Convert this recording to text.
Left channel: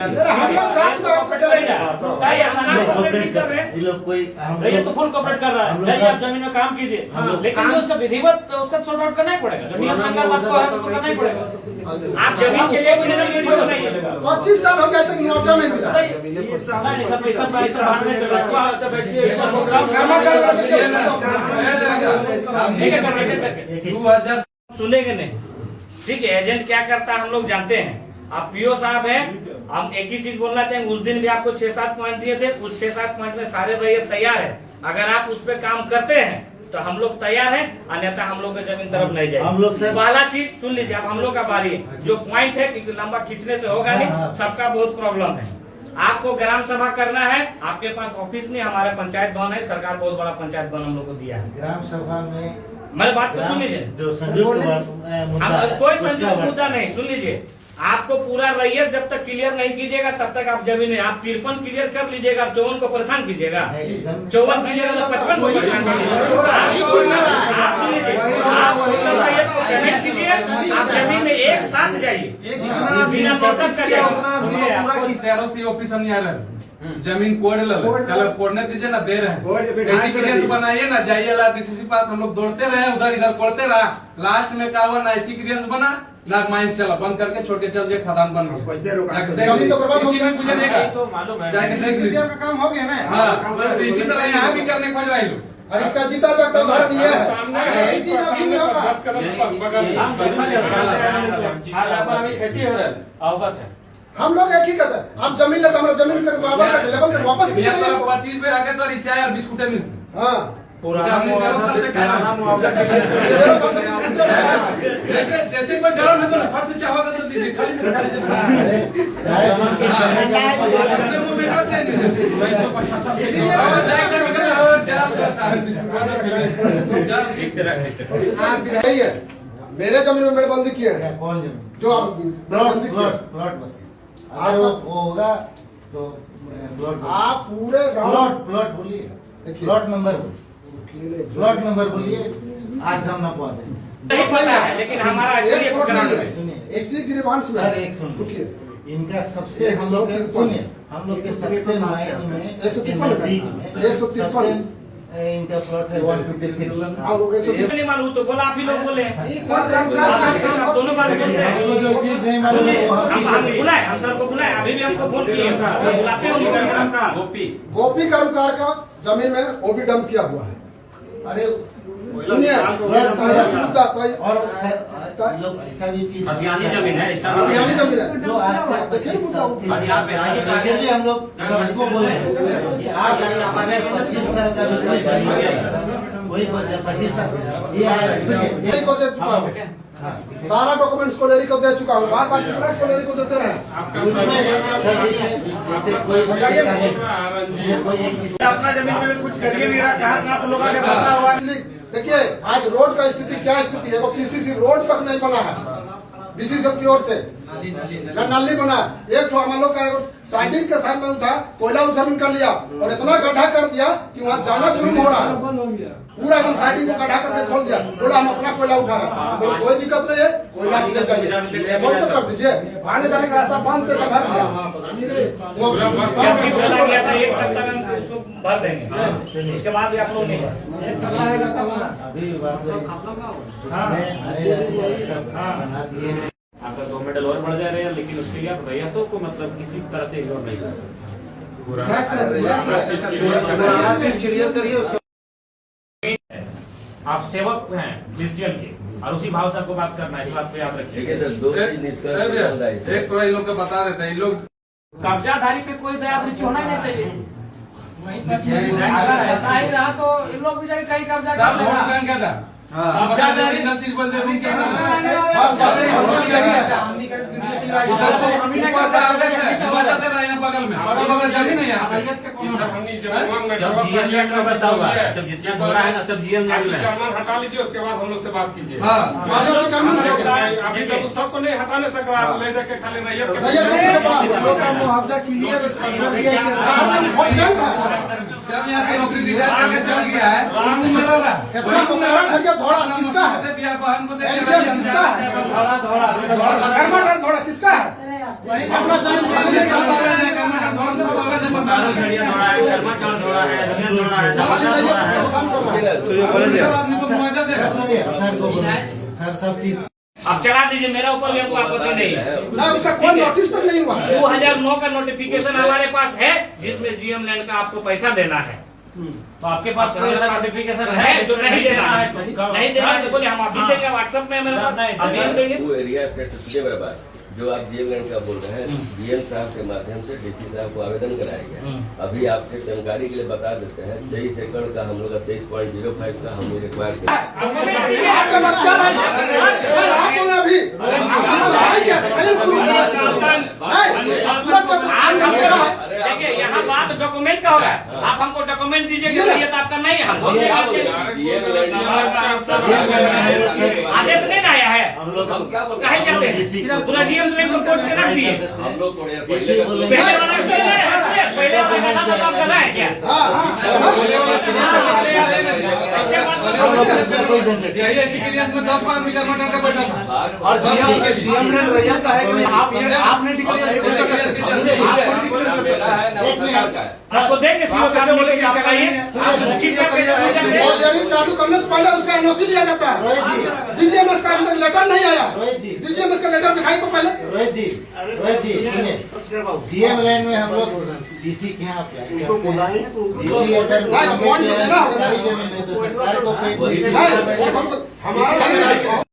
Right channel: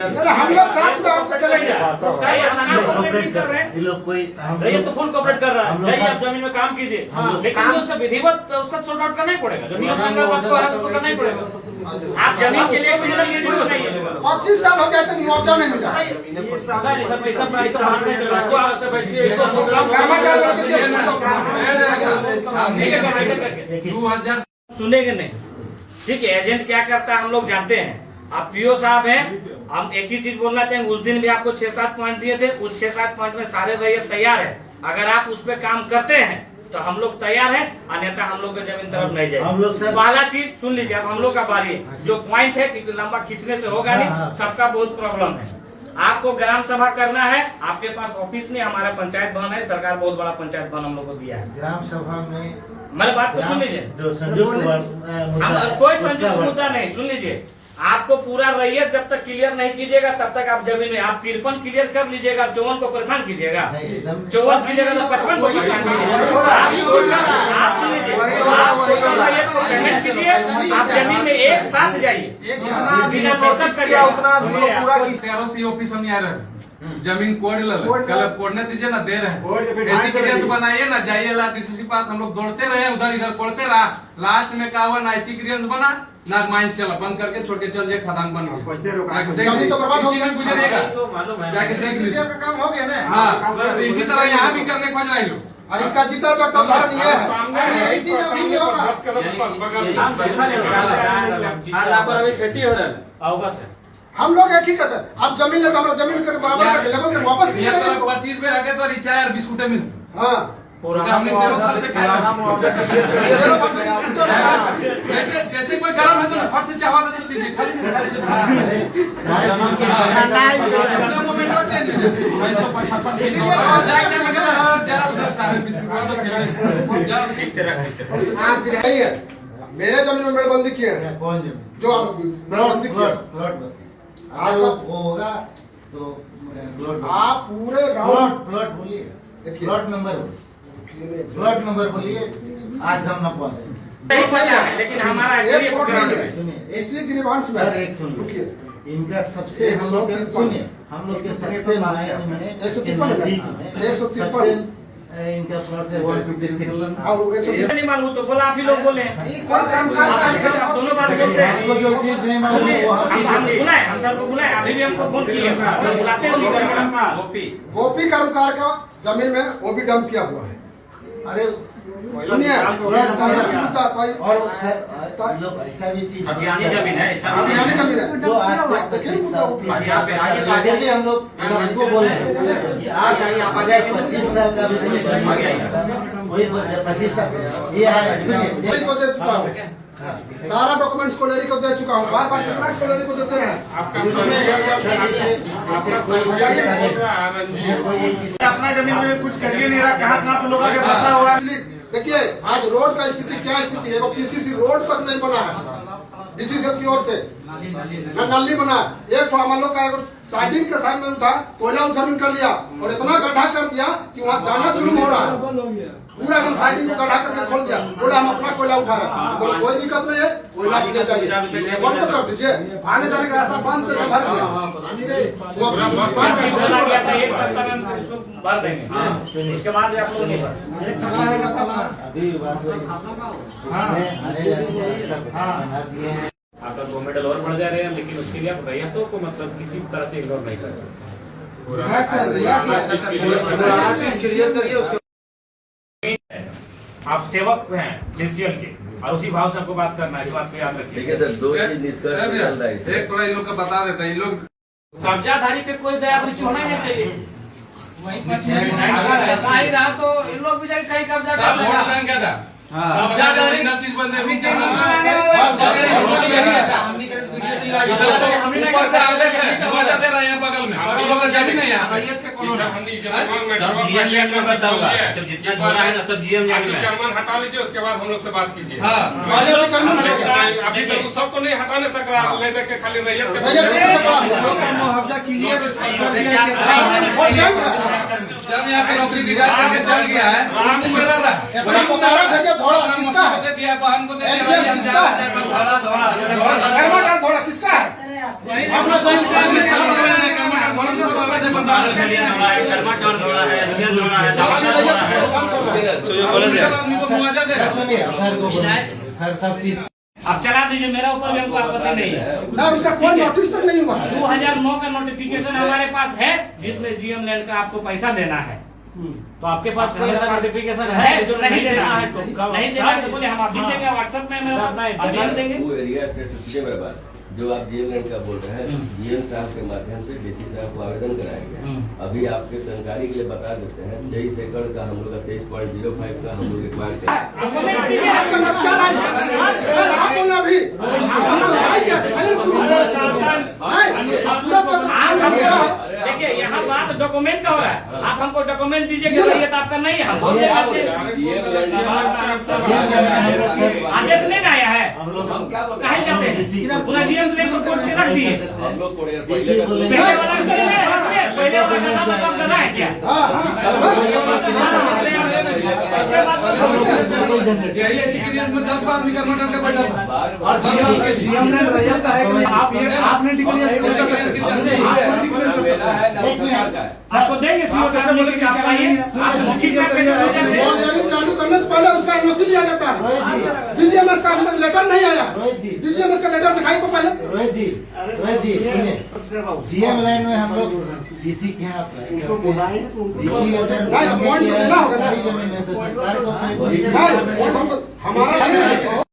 हम लोग साथ में आपको चलेंगे। ये लोग कोई ये तो फुल कॉपरेट कर रहा है। जाइए आप जमीन में काम कीजिए, लेकिन उसका विधिवत उसका सॉर्ट आउट करना ही पड़ेगा। जो नियम संगत आपको है वो करना ही पड़ेगा। आप जमीन के लिए 25 साल हो गया तक मुआवजा नहीं मिला। सुनेंगे नहीं, ठीक है। एजेंट क्या करता है हम लोग जानते हैं। आप पीओ साहब हैं, हम एक ही चीज बोलना चाहेंगे। उस दिन भी आपको 6-7 पॉइंट दिए थे, उस 6-7 पॉइंट में सारे रैयत तैयार है। अगर आप उस पर काम करते हैं तो हम लोग तैयार हैं, अन्यथा हम लोग की जमीन तरफ नहीं जाए। हम लोग पहला चीज सुन लीजिए, अब हम लोग का बारी है। जो पॉइंट है कि लंबा खींचने से होगा नहीं, सबका बहुत प्रॉब्लम है। आपको ग्राम सभा करना है, आपके पास ऑफिस नहीं, हमारे पंचायत भवन है। सरकार बहुत बड़ा पंचायत भवन हम लोग को दिया है। ग्राम सभा में मेरी बात को सुन लीजिए, जो संयुक्त कोई संयुक्त मुद्दा नहीं। सुन लीजिए, आपको पूरा रैयत जब तक क्लियर नहीं कीजिएगा तब तक आप जमीन में आप 53 क्लियर कर लीजिएगा, 54 को परेशान कीजिएगा, 54 कीजिएगा तो 55 को परेशान कीजिएगा। आप पूरा रैयत को पेमेंट कीजिए, आप जमीन में एक साथ जाइए, बिना नोटिस करिए। ऑफिस हम नहीं आ रहे, जमीन कोड कोडने दीजिए ना, दे रहे हैं। ऐसी क्लियरेंस बनाइए ना, जाइए डीटीसी पास। हम लोग दौड़ते रहे, उधर इधर कोड़ते रहा। लास्ट में क्या हुआ, ना ऐसी क्लियरेंस बना ना माइंस चला, बंद करके छोड़ के चल जाए, खदान बन गया। गुजरिएगा जाके देख लीजिए, काम हो गया ना। हाँ, इसी तरह यहाँ भी करने खोज रहे हैं। और इसका जीता जागता उदाहरण ये है। खेती हो रहा है, अवगत है। हम लोग एक ही कहते हैं, आप जमीन लेते हमारा जमीन कर बराबर कर लेवल कर वापस कीजिए। 25 में रखे तो चाय और बिस्कुटे मिलते। हाँ, जैसे कोई गरम है तो फट से चावा तो दीजिए, खाली मेरे जमीन में मेड़बंदी किए हैं। कौन जमीन? जो आप मेड़बंदी किए हैं। प्लॉट आज वो होगा तो आप पूरे प्लॉट बोलिए, प्लॉट नंबर बोलिए। आज हम न पहुंचे नहीं पता है, लेकिन हमारा सुनिए ऐसी ग्रीवांस में एक सुन लो, इनका सबसे हम लोग के सबसे मायने में 153 इनका प्लॉट है 153। नहीं मालूम तो बोला, आप ही लोग बोले हैं। आप दोनों बात बोलते हैं। आपको जो चीज नहीं मालूम वो हम बुलाए, हम सर को बुलाए, अभी भी हमको फोन किए, बुलाते हो नहीं करना। गोपी कर्मकार का जमीन में ओबी डंप किया हुआ है। अरे सुनिए, और लोग ऐसा भी चीज अभियानी जमीन है, अभियानी जमीन है। जो आज से देखिए मुद्दा उठा। आगे भी हम लोग सबको बोले कि आप अगर 25 साल का भी कोई जमीन है, वही 25 साल ये कोलेरी को दे चुका हूँ, सारा डॉक्यूमेंट्स कोलेरी को दे चुका हूँ। बार बार कितना कोलेरी को देते रहे। अपना जमीन में कुछ करिए नहीं रहा, कहाँ तो लोगों के फंसा हुआ। देखिए आज रोड का स्थिति क्या स्थिति है, वो पीसीसी रोड तक नहीं बना है डीसीसी की ओर से, न नाली बना। एक तो हम लोग का साइडिंग का साइड में था, कोयला उस जमीन का लिया और इतना गड्ढा कर दिया कि वहाँ जाना जुर्म हो रहा है। पूरा हम साइडिंग को गड्ढा करके खोल दिया, बोला हम अपना कोयला उठा रहे हैं। बोले कोई दिक्कत नहीं है, कोयला गिरना चाहिए, लेवल तो कर दीजिए। आने जाने का रास्ता बंद कैसे भर दिया? एक सप्ताह में उसको भर देंगे, उसके बाद भी आप लोग नहीं भर। आपका 2 मेडल और बढ़ जा रहे हैं, लेकिन उसके लिए आप रैयतों को मतलब किसी तरह से इग्नोर नहीं कर सकते। आप सेवक हैं डिसीजन के, और उसी भाव से आपको बात करना है। इस बात पे याद रखिए। एक थोड़ा इन लोग का बता देते हैं, इन लोग कब्जाधारी पे कोई दया दृष्टि होना ही नहीं चाहिए। अगर ऐसा ही रहा तो इन लोग भी जाके कहीं कब्जा कर वोट लेगा। बैंक का सिंगल चीज बोलते हैं, ऊपर से आगे से हुआ जाते रहे हैं बगल में, जमीन है यहाँ। जितना जोड़ा है ना सब जीएम हटा लीजिए, उसके बाद हम लोग से बात कीजिए। हाँ, अभी तक सबको नहीं हटाने सकता, ले देख के खाली रैयत के जब यहाँ से नौकरी रिटायर करके चल गया है वो मेरा रहा। इतना मुबारक है कि थोड़ा किसका है? दिया बहन को दे दिया, ये किसका है? कर्मठ थोड़ा किसका है? अपना जमीन आदमी को मुआवजा देगा। सुनिए सर को बोलिए सर सब चीज अब चला दीजिए, मेरा ऊपर भी हमको आपत्ति नहीं है। ना उसका कोई नोटिस तक नहीं हुआ है। 2009 का नोटिफिकेशन हमारे पास है जिसमें जीएम लैंड का आपको पैसा देना है। तो आपके पास कोई ऐसा नोटिफिकेशन है जो नहीं देना है, तो नहीं देना है तो बोले हम अभी देंगे, व्हाट्सएप में मेरे पास अभी हम देंगे। वो एरिया स्टेटस बराबर जो आप जीएम लैंड का बोल रहे हैं, डीएम साहब के माध्यम से डीसी साहब को आवेदन कराया गया। अभी आपके जानकारी के लिए बता देते हैं 23 एकड़ का हम लोग 23.05 का हम लोग एक्वायर किया। आपका नमस्कार है। आप बोला अभी देखिए यहाँ बात डॉक्यूमेंट का हो रहा है, आप हमको डॉक्यूमेंट दीजिए कि ये तो आपका नहीं है, हम बोल देंगे। आदेश नहीं ना आया है, हम लोग कहे जाते हैं पूरा जीएम लैंड को कोर्ट में रख दिए। हम लोग को पहले वाला पहले वाला गधा तो अब गधा है क्या? ऐसे बात मत करो। डेयरी एक्सपीरियंस में 10 बार निकल मटन का बैठा था। और जीएम लैंड रैयत का है कि आपने डिक्लेयर आपको देंगे सीओ साहब ने लेके चलाइए, आप लिखित में पैसे भेज देते हैं। मॉनिटरिंग चालू करने से पहले उसका एनओसी लिया जाता है। डीजीएमएस का अभी तक लेटर नहीं आया। डीजीएमएस का लेटर दिखाई तो पहले। रोहित जी सुनिए जीएम लाइन में हम लोग डीसी के यहाँ डीसी अगर नहीं, जमीन है तो सरकार को हमारा